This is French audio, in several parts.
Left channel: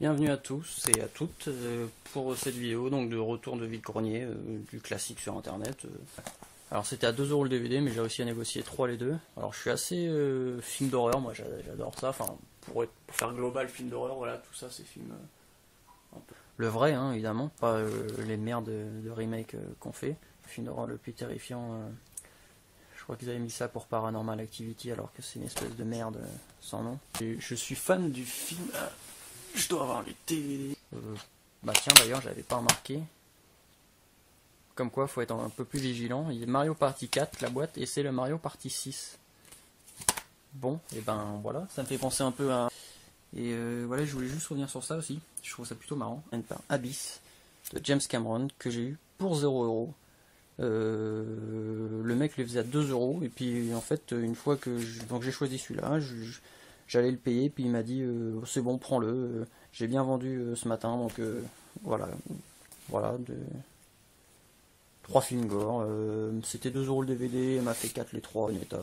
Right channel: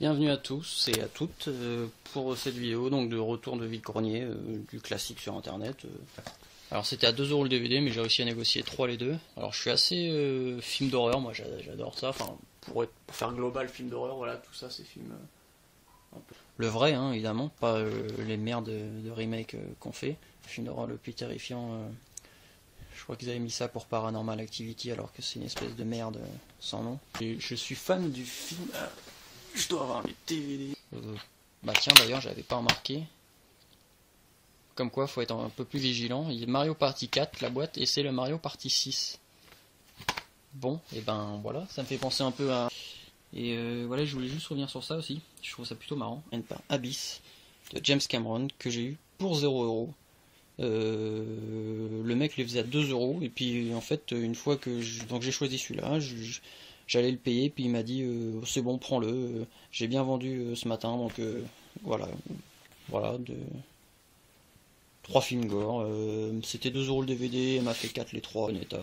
Bienvenue à tous et à toutes pour cette vidéo donc de retour de vide-grenier du classique sur internet. Alors c'était à 2 € le DVD, mais j'ai réussi à négocier 3 les deux. Alors je suis assez film d'horreur, moi j'adore ça. Enfin pour faire global film d'horreur, voilà, tout ça c'est film un peu le vrai hein, évidemment, pas les merdes de remake qu'on fait. Le film d'horreur le plus terrifiant. Je crois qu'ils avaient mis ça pour Paranormal Activity alors que c'est une espèce de merde sans nom. Et je suis fan du film. Je dois avoir les DVD. Bah tiens d'ailleurs j'avais pas remarqué. Comme quoi faut être un peu plus vigilant. Il y a Mario Party 4 la boîte et c'est le Mario Party 6. Bon et ben voilà, ça me fait penser un peu à... Et voilà, je voulais juste revenir sur ça aussi. Je trouve ça plutôt marrant. Abyss de James Cameron que j'ai eu pour 0 €. Le mec les faisait à 2 € et puis en fait une fois que donc j'ai choisi celui-là, j'allais le payer puis il m'a dit c'est bon prends-le, j'ai bien vendu ce matin donc voilà de 3 films gore, c'était 2 € le DVD, elle m'a fait 4 les 3 en état,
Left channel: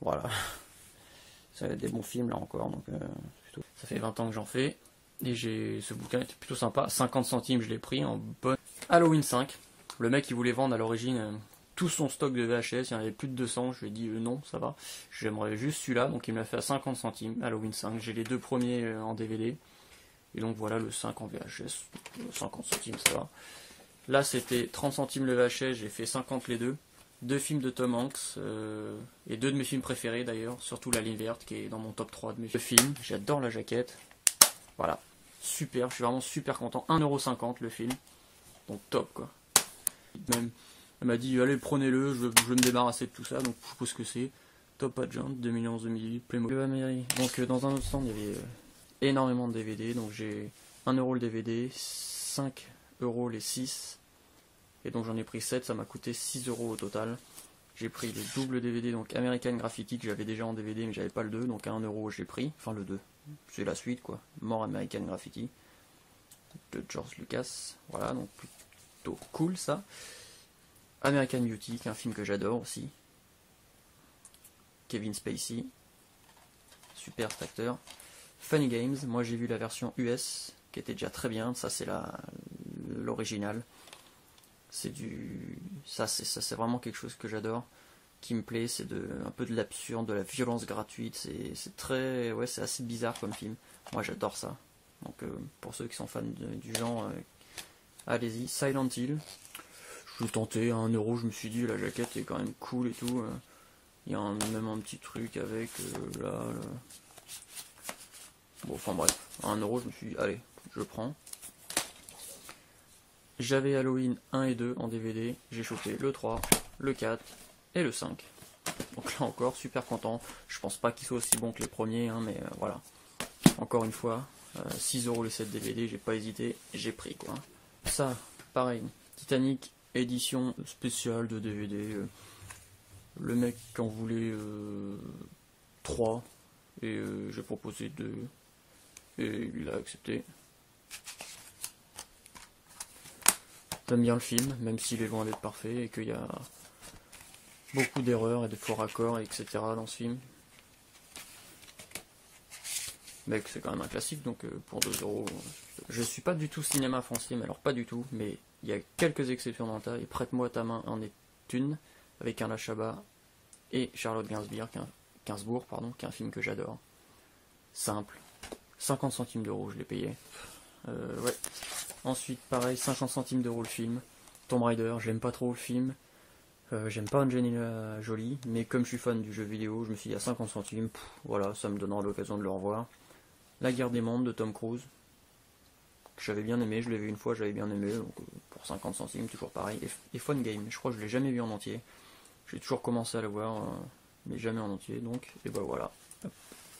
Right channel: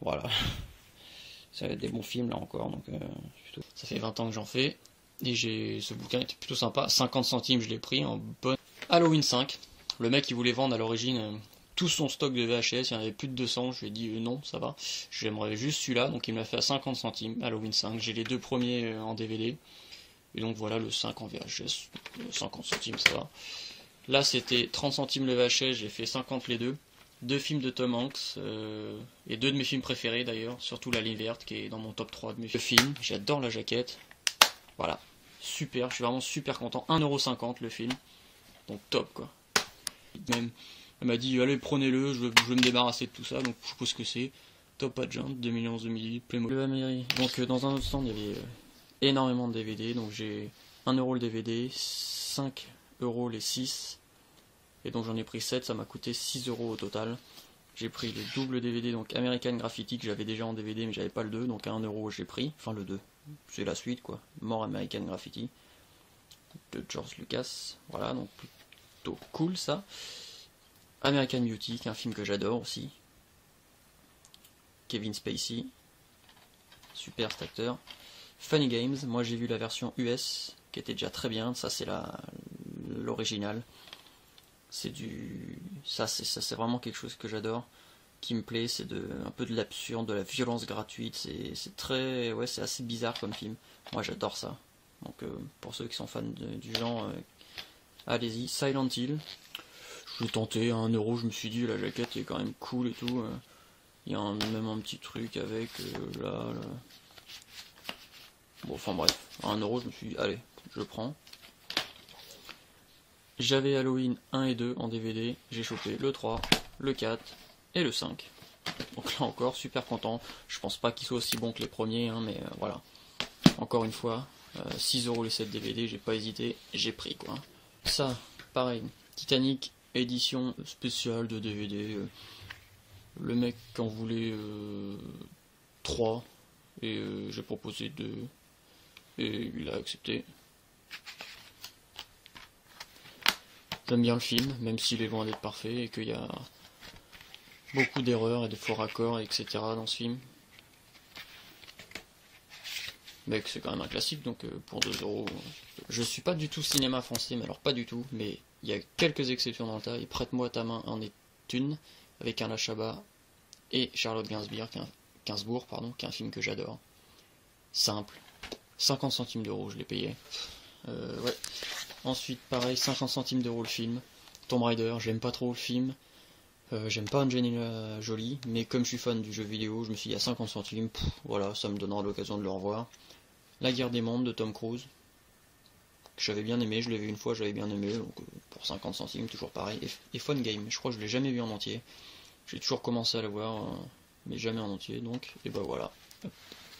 voilà. C'est des bons films là encore donc ça fait 20 ans que j'en fais et ce bouquin était plutôt sympa, 50 centimes je l'ai pris en bonne Halloween 5. Le mec il voulait vendre à l'origine tout son stock de VHS, il y en avait plus de 200, je lui ai dit non ça va, j'aimerais juste celui-là, donc il me l'a fait à 50 centimes, Halloween 5, j'ai les deux premiers en DVD, et donc voilà le 5 en VHS, 50 centimes ça va. Là c'était 30 centimes le VHS, j'ai fait 50 les deux films de Tom Hanks, et deux de mes films préférés d'ailleurs, surtout La Ligne Verte qui est dans mon top 3 de mes films, j'adore la jaquette, voilà, super, je suis vraiment super content, 1,50 € le film, donc top quoi. Même, elle m'a dit allez prenez-le, je veux me débarrasser de tout ça, donc je suppose que c'est Top Agent 2011 ml Playmobil. Donc dans un autre stand il y avait énormément de DVD, donc j'ai 1 € le DVD, 5 € les 6, et donc j'en ai pris 7, ça m'a coûté 6 € au total. J'ai pris le double DVD, donc American Graffiti que j'avais déjà en DVD mais j'avais pas le 2, donc à 1 € j'ai pris, enfin le 2, c'est la suite quoi, More American Graffiti de George Lucas, voilà donc plutôt cool ça. American Beauty, qui est un film que j'adore aussi. Kevin Spacey, super cet acteur. Funny Games, moi j'ai vu la version US, qui était déjà très bien, ça c'est l'original. C'est c'est vraiment quelque chose que j'adore, qui me plaît, c'est un peu de l'absurde, de la violence gratuite, c'est très, ouais c'est assez bizarre comme film. Moi j'adore ça. Donc pour ceux qui sont fans du genre, allez-y. Silent Hill. Je l'ai tenté à 1 €, je me suis dit la jaquette est quand même cool et tout. Il y a même un petit truc avec là. Bon, enfin bref, à 1 €, je me suis dit allez, je prends. J'avais Halloween 1 et 2 en DVD, j'ai chopé le 3, le 4 et le 5. Donc là encore, super content. Je pense pas qu'il soit aussi bon que les premiers, hein, mais voilà. Encore une fois, 6 € les 7 DVD, j'ai pas hésité, j'ai pris quoi. Ça, pareil, Titanic édition spéciale de DVD. Le mec en voulait 3 et j'ai proposé 2 et il a accepté. J'aime bien le film, même s'il est loin d'être parfait et qu'il y a beaucoup d'erreurs et de faux raccords, etc. dans ce film. Mais c'est quand même un classique, donc pour 2 €. Je suis pas du tout cinéma français, mais alors pas du tout, mais il y a quelques exceptions dans le tas, et Prête-moi ta main en est une, avec Carla Chabat et Charlotte Gainsbourg, qui est un film que j'adore. Simple. 50 centimes d'euros, je l'ai payé. Ouais. Ensuite, pareil, 50 centimes d'euros le film. Tomb Raider, j'aime pas trop le film. J'aime pas Angelina Jolie, mais comme je suis fan du jeu vidéo, je me suis dit à 50 centimes, voilà, ça me donnera l'occasion de le revoir. La Guerre des Mondes de Tom Cruise, que j'avais bien aimé, je l'ai vu une fois, j'avais bien aimé, donc pour 50 centimes, toujours pareil. Et Fun Game, je crois que je l'ai jamais vu en entier. J'ai toujours commencé à le voir, mais jamais en entier, donc, et bah voilà.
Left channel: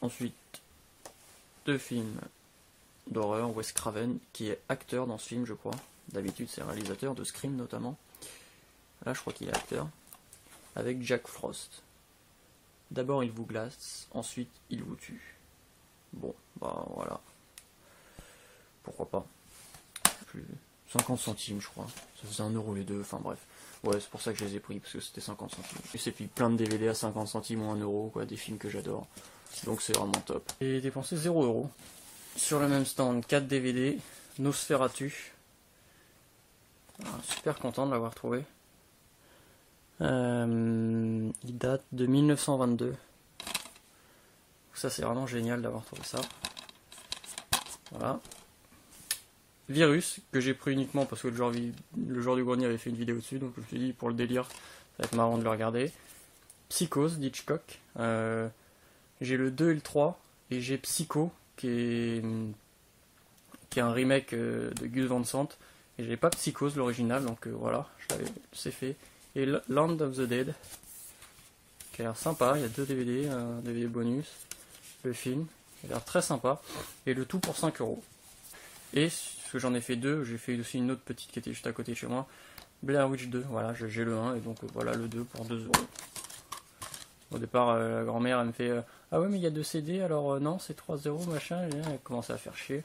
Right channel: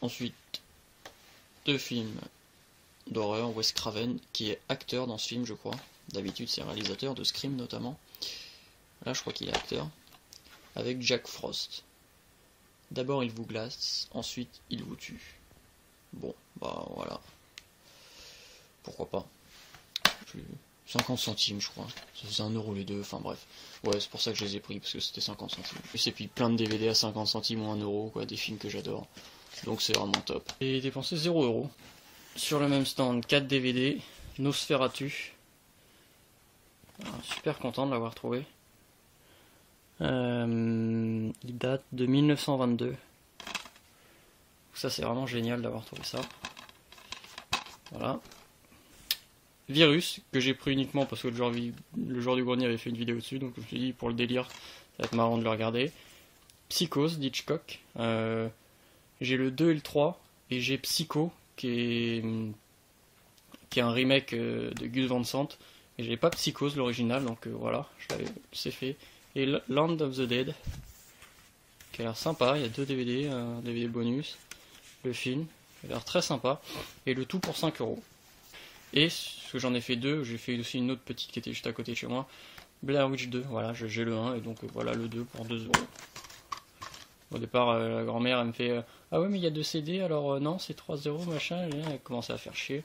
Ensuite, 2 films d'horreur, Wes Craven, qui est acteur dans ce film, je crois. D'habitude, c'est réalisateur de Scream notamment. Là, je crois qu'il est acteur. Avec Jack Frost. D'abord, il vous glace, ensuite, il vous tue. Bon, bah voilà. Pourquoi pas. 50 centimes, je crois. Ça faisait 1 € les deux, enfin bref. Ouais, c'est pour ça que je les ai pris, parce que c'était 50 centimes. Et puis plein de DVD à 50 centimes ou 1 €, quoi, des films que j'adore. Donc c'est vraiment top. Et dépensé 0 €. sur le même stand 4 DVD, Nosferatu. Super content de l'avoir trouvé. Il date de 1922. Ça c'est vraiment génial d'avoir trouvé ça. Voilà. Virus, que j'ai pris uniquement parce que le joueur du grenier avait fait une vidéo dessus, donc je me suis dit pour le délire, ça va être marrant de le regarder. Psychose d'Hitchcock. J'ai le 2 et le 3, et j'ai Psycho, qui est un remake de Gus Van Sant, et j'ai pas Psychose l'original, donc voilà, c'est fait. Et Land of the Dead, qui a l'air sympa, il y a 2 DVD, un DVD bonus, le film, il a l'air très sympa, et le tout pour 5 €. Et ce que j'en ai fait 2, j'ai fait aussi une autre petite qui était juste à côté de chez moi, Blair Witch 2, voilà, j'ai le 1, et donc voilà le 2 pour 2 €. Au départ, la grand-mère, elle me fait ah ouais, mais il y a 2 CD, alors non, c'est 3 € machin, et elle commençait à faire chier.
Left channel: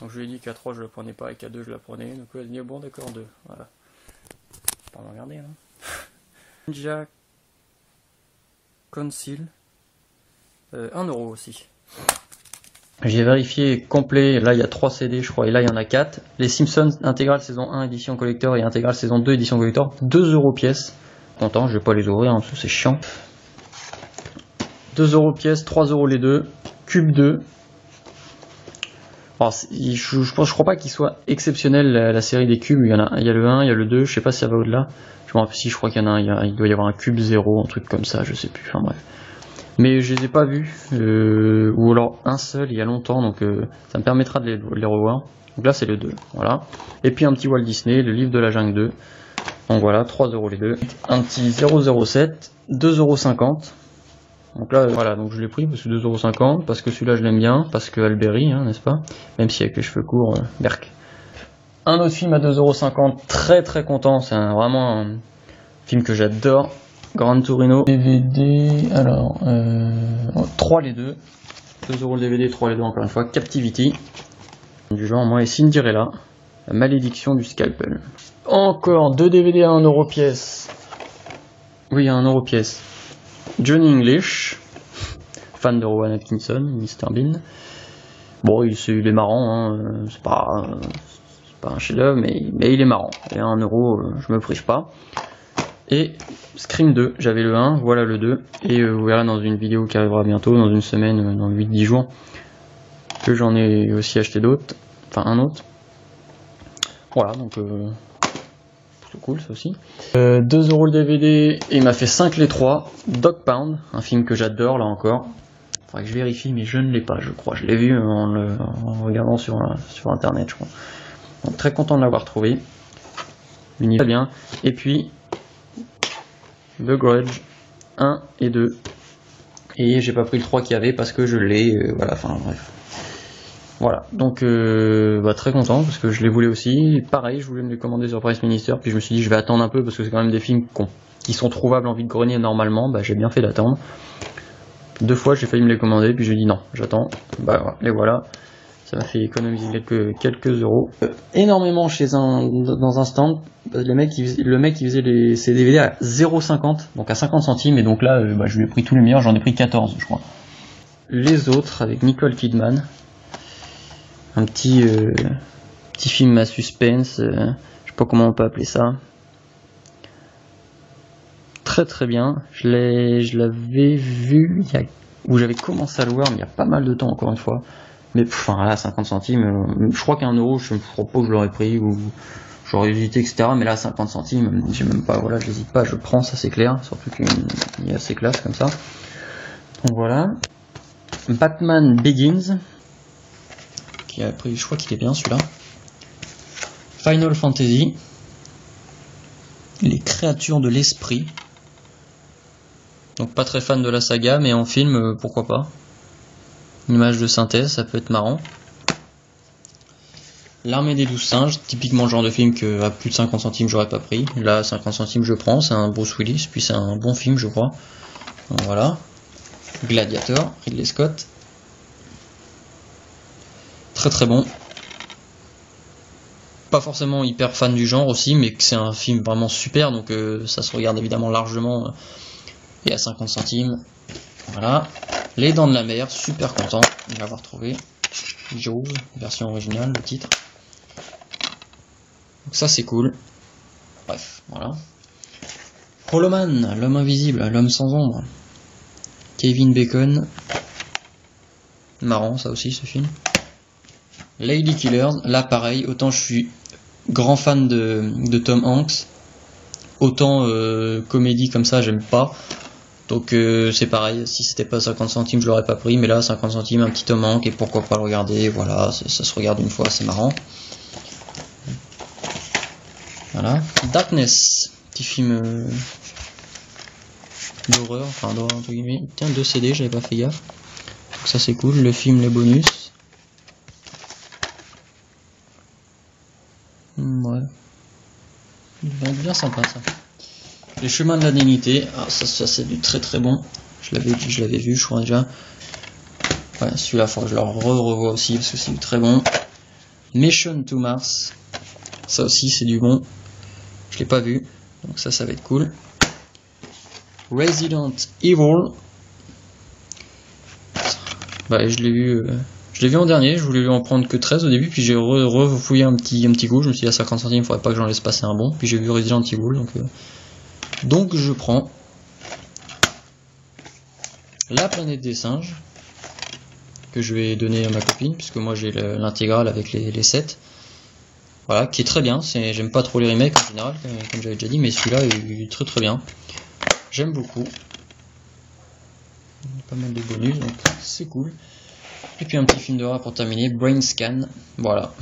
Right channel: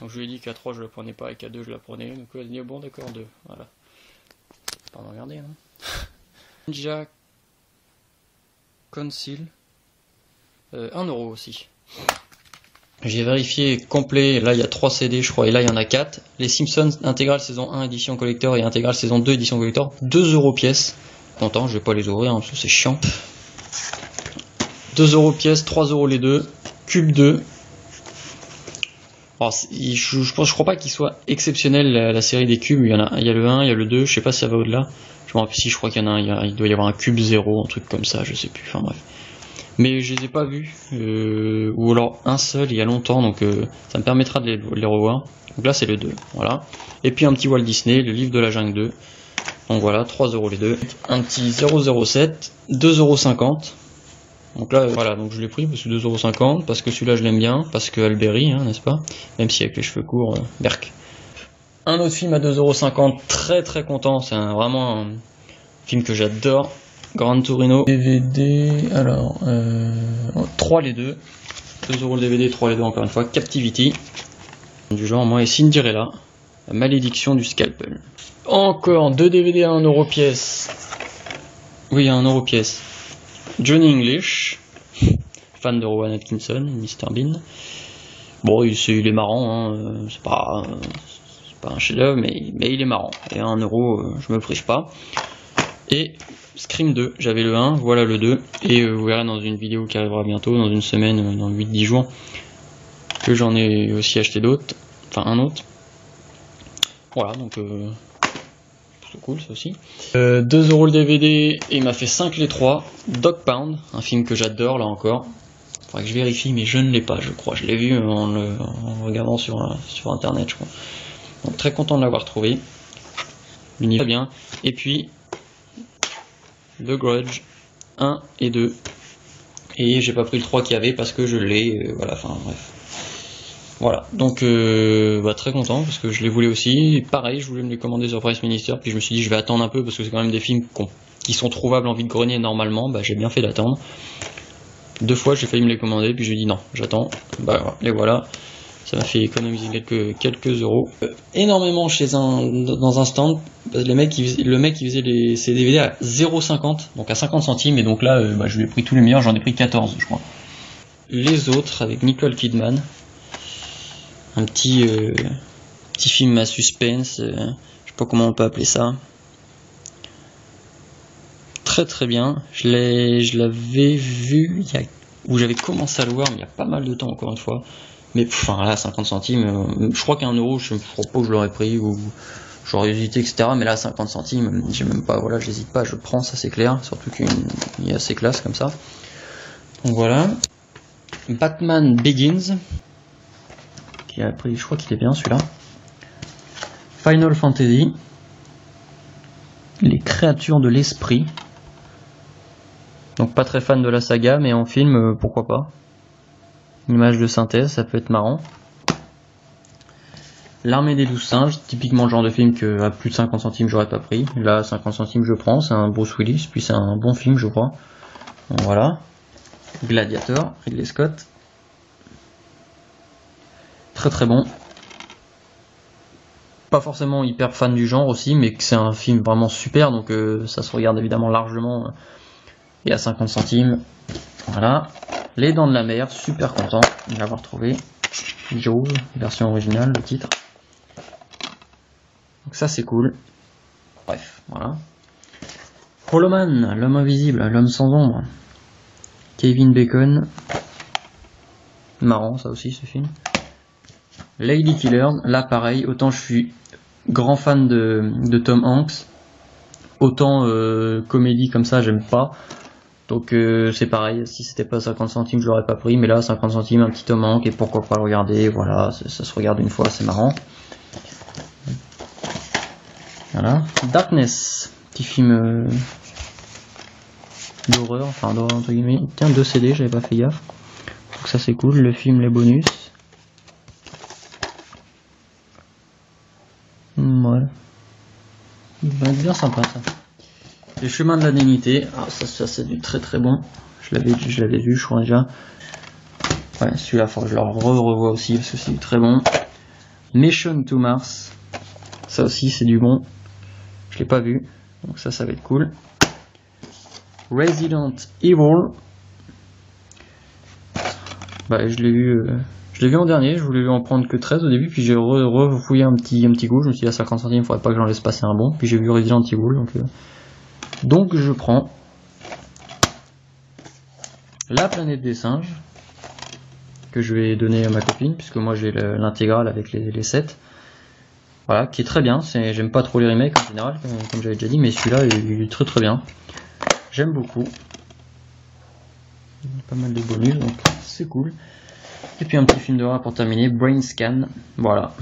Donc je lui ai dit qu'à 3 je la prenais pas, et qu'à 2 je la prenais, donc elle a dit bon d'accord, 2, voilà. Pas me regarder, hein. Ninja Council, 1 € aussi. J'ai vérifié complet, là il y a 3 CD je crois, et là il y en a 4. Les Simpsons intégrale saison 1 édition collector et intégrale saison 2 édition collector, 2 € pièce. Content, je vais pas les ouvrir hein, parce que c'est chiant. 2 € pièce, 3 € les deux. Cube 2. Alors, je crois pas qu'il soit exceptionnel la série des cubes. Il y a le 1, il y a le 2, je sais pas si ça va au-delà. Je me rappelle si, je crois qu'il y en a un, il doit y avoir un cube 0, un truc comme ça, je sais plus, enfin bref. Mais je les ai pas vus, ou alors un seul il y a longtemps, donc ça me permettra de les revoir. Donc là c'est le 2, voilà. Et puis un petit Walt Disney, le livre de la jungle 2. Donc voilà, 3 € les deux. Un petit 007, 2,50 €. Donc là, voilà, donc je l'ai pris parce que 2,50 €, parce que celui-là je l'aime bien, parce que Alberi, hein, n'est-ce pas? Même si avec les cheveux courts, berk. Un autre film à 2,50 €, très très content, c'est vraiment un film que j'adore. Gran Torino. DVD, alors, 3 les deux. 2 € le DVD, 3 les deux encore une fois. Captivity. Du genre, moi et Cinderella. La malédiction du scalpel. Encore 2 DVD à 1 € pièce. Oui, à 1 € pièce. Johnny English, fan de Rowan Atkinson, Mr Bean. Bon, il est marrant, hein. C'est pas un chef-d'œuvre, mais il est marrant. Et à 1 €, je me prive pas. Et Scream 2, j'avais le 1, voilà le 2. Et vous verrez dans une vidéo qui arrivera bientôt, dans une semaine, dans 8-10 jours, que j'en ai aussi acheté d'autres. Enfin, un autre. Voilà, donc c'est cool ça aussi. 2 € le DVD, et il m'a fait 5 les 3. Dog Pound, un film que j'adore là encore. Faudrait que je vérifie, mais je ne l'ai pas, je crois. Je l'ai vu en regardant sur internet, je crois. Donc très content de l'avoir trouvé. Mini très bien. Et puis The Grudge 1 et 2. Et j'ai pas pris le 3 qu'il y avait parce que je l'ai. Voilà, enfin bref. Voilà, donc très content parce que je les voulais aussi. Et pareil, je voulais me les commander sur Price Minister, puis je me suis dit je vais attendre un peu parce que c'est quand même des films qui sont trouvables en vide-grenier normalement. J'ai bien fait d'attendre. 2 fois j'ai failli me les commander, puis je dis non, j'attends. Les voilà. Ça m'a fait économiser quelques euros. Énormément dans un stand. Le mec qui faisait ces DVD à 0,50, donc à 50 centimes, et donc là je lui ai pris tous les meilleurs, j'en ai pris 14 je crois. Les autres avec Nicole Kidman. Un petit film à suspense, je sais pas comment on peut appeler ça. Très très bien. Je l'avais vu où j'avais commencé à le voir, mais il y a pas mal de temps encore une fois. Mais enfin là, 50 centimes, je crois qu'à 1 €, je crois pas que je l'aurais pris ou j'aurais hésité, etc. Mais là, 50 centimes, j'ai même pas, voilà, j'hésite pas, je prends, ça c'est clair. Surtout qu'il est assez classe comme ça. Donc voilà. Batman Begins. Je crois qu'il est bien celui-là. Final Fantasy. Les créatures de l'esprit. Donc pas très fan de la saga, mais en film, pourquoi pas. Une image de synthèse, ça peut être marrant. L'armée des 12 singes, typiquement le genre de film que à plus de 50 centimes j'aurais pas pris. Là, 50 centimes je prends, c'est un Bruce Willis, puis c'est un bon film je crois. Donc, voilà. Gladiator, Ridley Scott. Très très bon. Pas forcément hyper fan du genre aussi, mais que c'est un film vraiment super, donc ça se regarde évidemment largement. Et à 50 centimes. Voilà. Les Dents de la Mer, super content de l'avoir trouvé. Jaws, version originale, le titre. Donc ça c'est cool. Bref, voilà. Hollow Man, l'homme invisible, l'homme sans ombre. Kevin Bacon. Marrant ça aussi ce film. Lady Killers, là pareil, autant je suis grand fan de Tom Hanks, autant comédie comme ça j'aime pas. Donc c'est pareil, si c'était pas 50 centimes je l'aurais pas pris, mais là 50 centimes, un petit Tom Hanks, et pourquoi pas le regarder, voilà, ça se regarde une fois, c'est marrant. Voilà. Darkness, petit film d'horreur, enfin d'horreur entre guillemets. Tiens, 2 CD, j'avais pas fait gaffe. Donc ça c'est cool, le film, les bonus. Ouais. Il va être bien sympa ça. Le chemin de l'indemnité, ah ça c'est du très très bon. Je l'avais vu, je crois déjà. Ouais, celui-là, faut que je le revois aussi parce que c'est du très bon. Mission to Mars, ça aussi c'est du bon. Je l'ai pas vu, donc ça va être cool. Resident Evil, bah, je l'ai vu en dernier, je voulais en prendre que 13 au début, puis j'ai refouillé un petit coup, je me suis dit à 50 centimes, il faudrait pas que j'en laisse passer un bon, puis j'ai vu Resident Evil, donc je prends La Planète des Singes, que je vais donner à ma copine, puisque moi j'ai l'intégrale avec les 7. Voilà, qui est très bien, j'aime pas trop les remakes en général, comme j'avais déjà dit, mais celui-là il est très très bien. J'aime beaucoup. Pas mal de bonus, donc c'est cool. Et puis un petit film d'horreur pour terminer, Brain Scan. Voilà.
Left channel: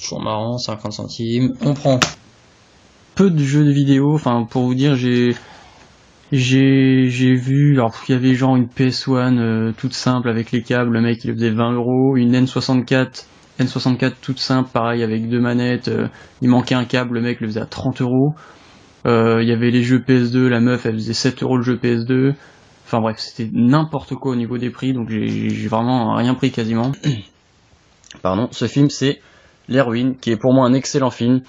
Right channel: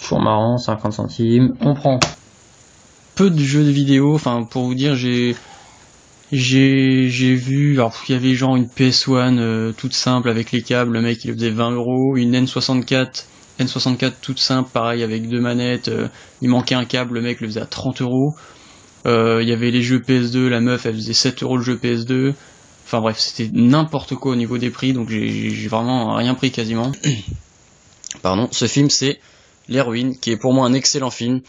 Toujours marrant, 50 centimes. On prend peu de jeux de vidéo, enfin pour vous dire, j'ai vu, alors il y avait genre une PS1 toute simple avec les câbles, le mec il faisait 20 €, une N64 toute simple, pareil avec 2 manettes, il manquait un câble, le mec le faisait à 30 €. Il y avait les jeux PS2, la meuf elle faisait 7 € le jeu PS2. Enfin bref, c'était n'importe quoi au niveau des prix, donc j'ai vraiment rien pris quasiment. Pardon, ce film c'est Les Ruines, qui est pour moi un excellent film,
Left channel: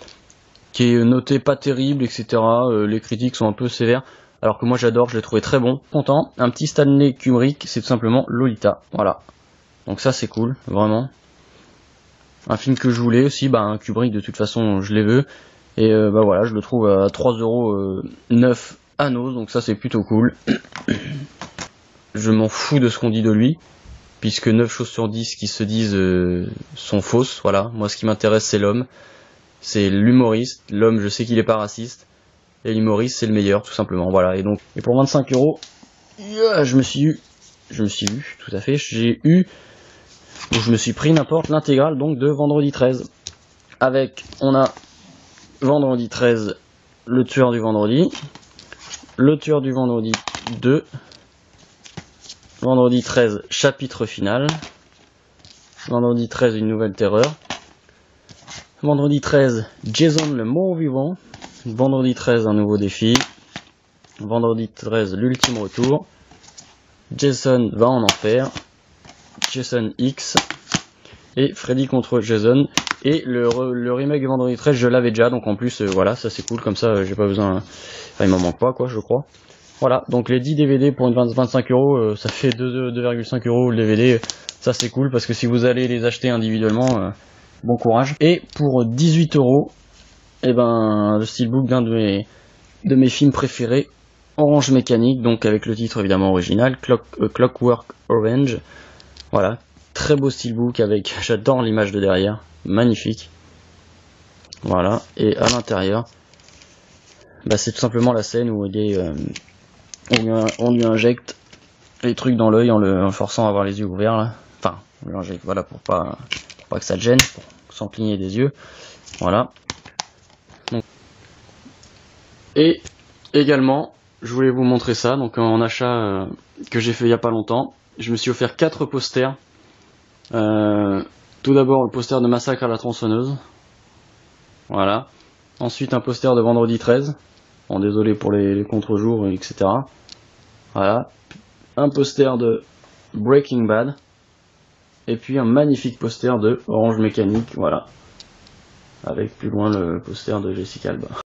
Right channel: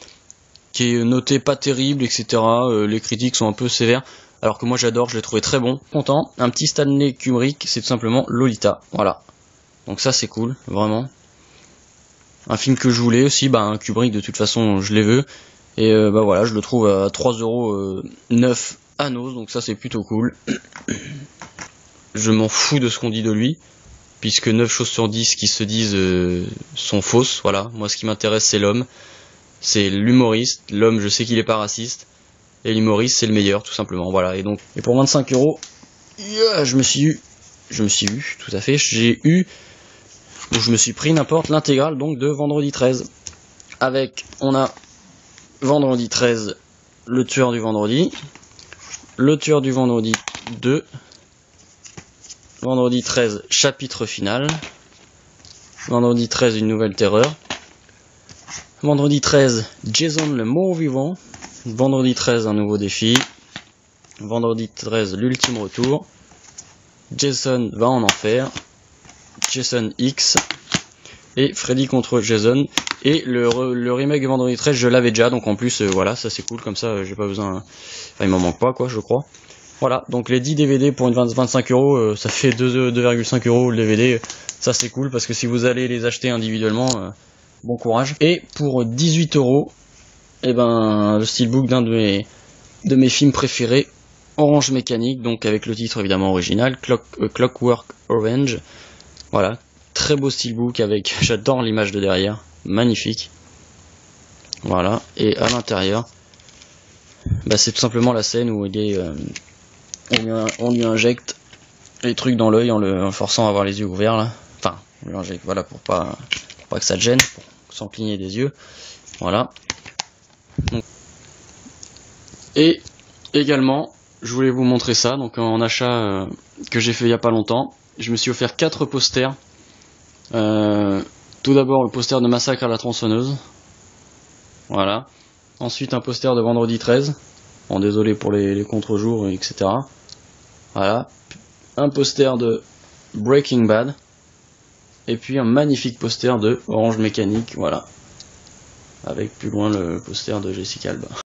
qui est noté pas terrible, etc. Les critiques sont un peu sévères, alors que moi j'adore, je l'ai trouvé très bon. Content, un petit Stanley Kubrick, c'est tout simplement Lolita, voilà. Donc ça c'est cool, vraiment. Un film que je voulais aussi, bah un Kubrick de toute façon je les veux. Et bah voilà, je le trouve à 3,9 € à Nos, donc ça c'est plutôt cool. Je m'en fous de ce qu'on dit de lui, puisque 9 choses sur 10 qui se disent sont fausses, voilà. Moi ce qui m'intéresse c'est l'homme, c'est l'humoriste. L'homme, je sais qu'il est pas raciste, et l'humoriste c'est le meilleur tout simplement, voilà. Et pour 25 €, yeah, je me suis eu, tout à fait, je me suis pris n'importe l'intégrale donc de Vendredi 13. On a Vendredi 13, le tueur du vendredi, le tueur du vendredi 2, Vendredi 13, chapitre final, Vendredi 13, une nouvelle terreur, Vendredi 13, Jason le mort-vivant, Vendredi 13, un nouveau défi, Vendredi 13, l'ultime retour, Jason va en enfer, Jason X, et Freddy contre Jason. Et le remake de Vendredi 13, je l'avais déjà, donc en plus, voilà, ça c'est cool, comme ça, j'ai pas besoin, enfin, il m'en manque pas, quoi, je crois. Voilà, donc les 10 DVD pour 25 €, ça fait 2,5 € le DVD, ça c'est cool, parce que si vous allez les acheter individuellement, bon courage. Et pour 18 €, eh ben, le steelbook d'un de mes films préférés, Orange Mécanique, donc avec le titre évidemment original, Clockwork Orange, voilà, très beau steelbook avec, j'adore l'image de derrière, magnifique, voilà. Et à l'intérieur, bah, c'est tout simplement la scène où on lui injecte les trucs dans l'œil en le forçant à avoir les yeux ouverts là. Enfin, on lui injecte, voilà, pour pas que ça te gêne, sans cligner des yeux, voilà. Donc, et également, je voulais vous montrer ça, donc en achat que j'ai fait il y a pas longtemps, je me suis offert 4 posters. Tout d'abord le poster de Massacre à la tronçonneuse, voilà. Ensuite un poster de Vendredi 13, bon, désolé pour les contre-jours, etc. Voilà. Un poster de Breaking Bad, et puis un magnifique poster de Orange Mécanique, voilà. Avec plus loin le poster de Jessica Alba.